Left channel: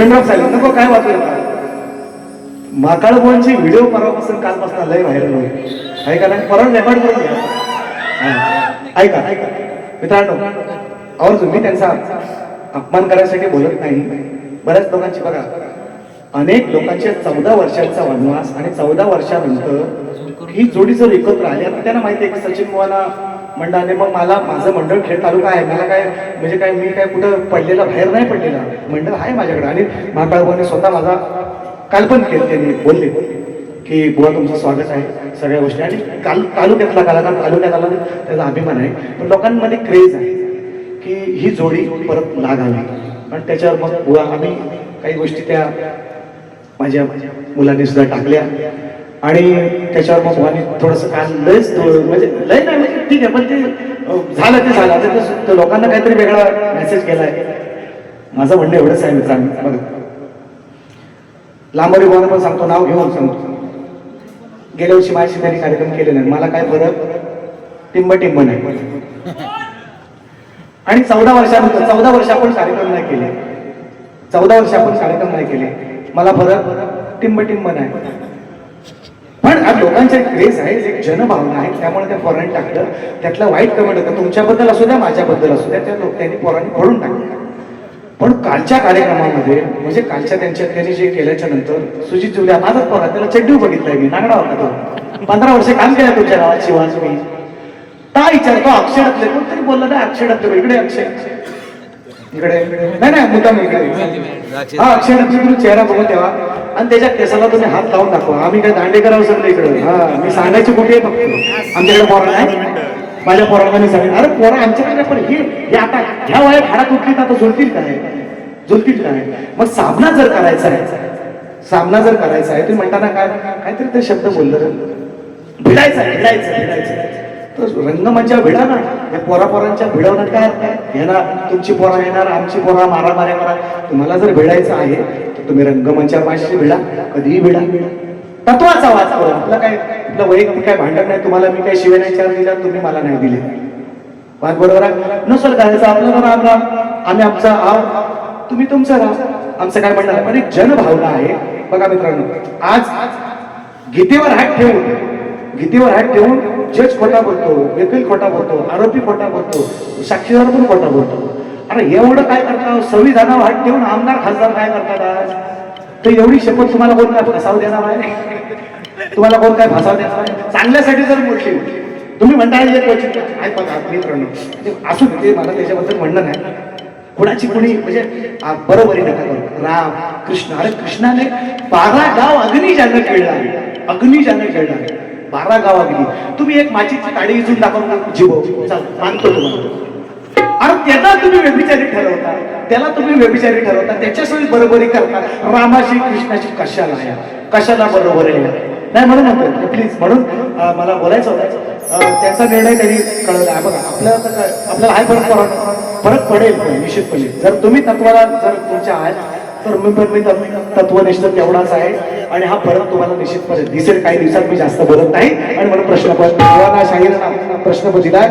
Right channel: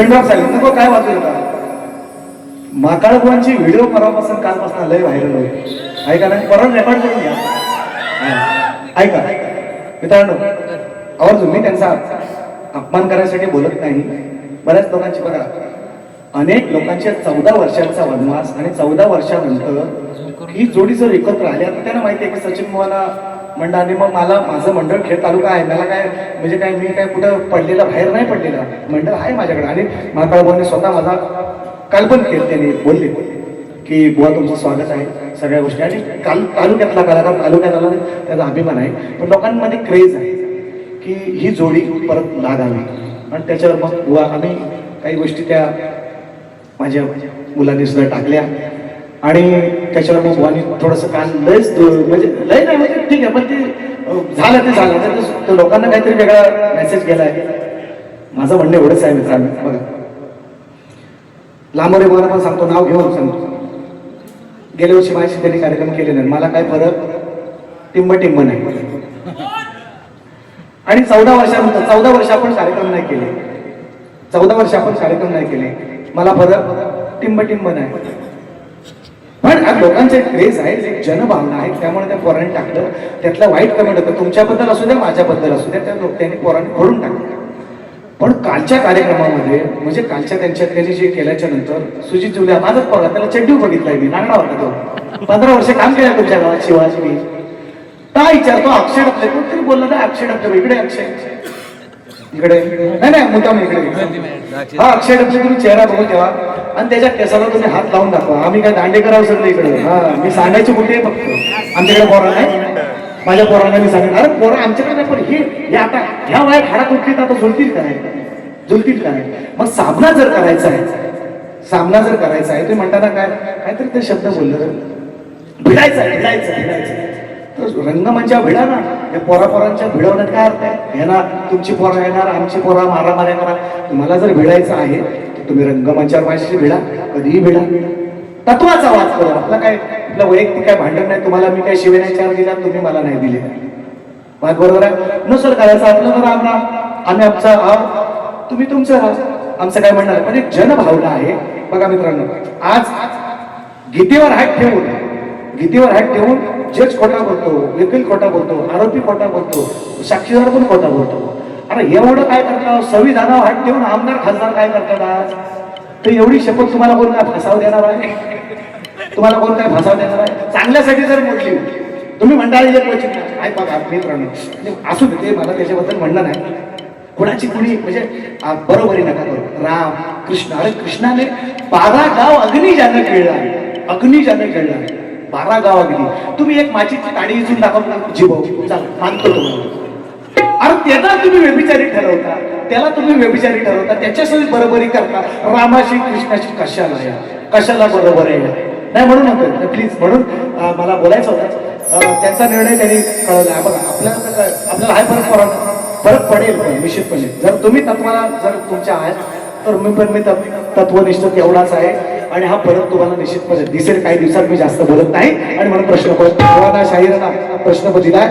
पेनड्रॉप झाले नको काय वाचू नका. माकाळगोवांची व्हिडिओ परवापासून कालपासून लय व्हायरल होईल. ऐका ना, परत रेकॉर्ड करून घ्या. ऐका मित्रांनो, आवर्जून मी त्यांचा अपमान करायसाठी बोलत नाही. बऱ्याच लोकांची बघा, अनेक लोकांच्या 14 वर्षांचा वनवास आणि 14 वर्षानंतर ही जोडी जर एकत्र आली. आता त्यांना माहिती आहे की सचिन मोहन मंडळाने मग मला माझं मंडळ खेळ तालुका आहे, मला काय म्हणजे काय मी काय कुठं पडलेला बाहेर नाही पडलेला, मंडळ आहे माझ्याकडे. आणि माकाळगोवांनी स्वतः माझा काल पण केलं, त्यांनी बोलले की बुवा तुमचं स्वागत आहे सगळ्या गोष्टी. आणि काल तालुक्यातला कलाकार तालुक्यात आला त्याचा अभिमान आहे. पण लोकांमध्ये क्रेज आहे की ही जोडी परत लागावी. आणि त्याच्यावर मग बुवा आम्ही काही गोष्टी त्या माझ्या मुलांनी सुद्धा टाकल्या. आणि त्याच्यावर मग बुवानी थोडंसं काल लयच म्हणजे लय नाही म्हणजे ठीक आहे, पण ते झालं ते झालं. आता लोकांना काहीतरी वेगळा मेसेज केलाय. माझं म्हणणं एवढंच आहे मित्रांनो, बघा लांबोरी मला पण सांगतो, नाव घेऊन सांगतो, गेल्या वर्षी माझ्याशी त्यांनी कार्यक्रम केले नाही, मला काय फरक टिंब नाही. आणि 14 वर्ष आपण कार्यक्रम नाही केले, 14 वर्ष आपण कार्यक्रम नाही केले, मला फरक टिंब नाही. पण आज लोकांचे क्रेज आहे, एक जनभावना आहे, त्यामुळे त्या पोरांनी टाकलं. त्यातला वाईट कमेंट होतं, तुमच्याबद्दल असू द्या माझ्याबद्दल असू द्या, त्या त्यांनी पोरांनी फोडून टाकलं. पण कालच्या कार्यक्रमामध्ये म्हणजे कालच्या त्यांच्या त्यांनी जे केल्याच्या नंतर सुजित जुल्या माझाच पोरा, त्याला चड्डू बघितलाय मी, नागडा होता तो. 15 वर्ष काम केलं तुमच्या गावात शिवाज मी काय विचारतो. अक्षरातले कोणतरी बोललं ना, अक्षरातले इकडे अक्षय इकडे नाही मुद्दाम इकडे हा अक्षरातले तुम्ही चेहरा बघून ठेवा आणि त्याच्यात केसाला तुम्ही हात लावून दाखवा. आम्ही काय दांडे करावं सगळे इकडे. हा मी सांगायची कुठे फक्त आमच्याकडे पोरा नाही, माझ्या पोरांना मी सांगेन अरे पोरं आमच्याकडे. पण हे आता ह्या वयात हाडात उठली तर जुळतील काय. मग सामना जर करायचा आहे तुम्ही म्हणताना काय काहीतरी ते शब्द बोललं भिडायचं तर रंगमंचा भिडा ना. या पोरांच्या भिडवण्यात काय अर्थ आहे. येणार तुमची पोरं येणार, आमची पोरं मारामाऱ्या करा. तुम्हाला जर भिडायचं आहे तर तुम्ही रंगमंचावर माझ्याशी भिडा, कधीही भिडा. तत्वाचा वाद करू. आपलं वैयक्तिक काय भांडण नाही. तुम्हाला मी काय शिवाय चार दिला, तुम्ही मला नाही दिले, वाद बरोबर आहे. नसेल करायचं आपलं तर राम राम, आम्ही आमचा आहोत, तुम्ही तुमचं राहा, आमचं काय म्हणणार. पण एक जनभावना आहे. बघा मित्रांनो, आज गीतेवर हात ठेवून जज खोटा बोलतो, वकील खोटा बोलतो, आरोपी खोटा बोलतो, साक्षीदार पण खोटा बोलतो. अरे एवढं काय करतात. संविधानावर हात ठेवून आमदार खासदार काय करतात आज. तर एवढी शपथ तुम्हाला कोण काय फसाव देणार आहे. तुम्हाला कोण काय फसाव देणार आहे. चांगल्यासाठी जर मोठी तुम्ही म्हणता मित्रांनो असू दे, मला त्याच्याबद्दल म्हणणं नाही. कोणाची कुणी म्हणजे बरोबरी नका करू. राम कृष्ण, अरे कृष्णाने 12 गाव अग्नी ज्यानं खेळला, 12 गाव अग्नी. तुम्ही एक माचीची काडी इथून दाखवून जीव मानतो तुम्हाला. अरे त्याला तुम्ही व्यभिचारी ठरवता, त्याच्यासोबत बरोबरी करता. रामाशी कृष्णाची कशाला बरोबर आहे नाही म्हणून नको प्लीज. म्हणून मला बोलायचं होतं, त्याचा निर्णय त्यांनी कळवला. आपल्याला हा फरक पडेल पण निश्चितपणे. जर तुम्ही तत्वाला जर तुमच्या आहात तर मी तत्वनिष्ठ तेवढाच आहे. आणि हा फरक तुम्हाला निश्चितपणे दिसेल. काही दिवसात मी जास्त बोलत नाही. आणि मला प्रश्न दिला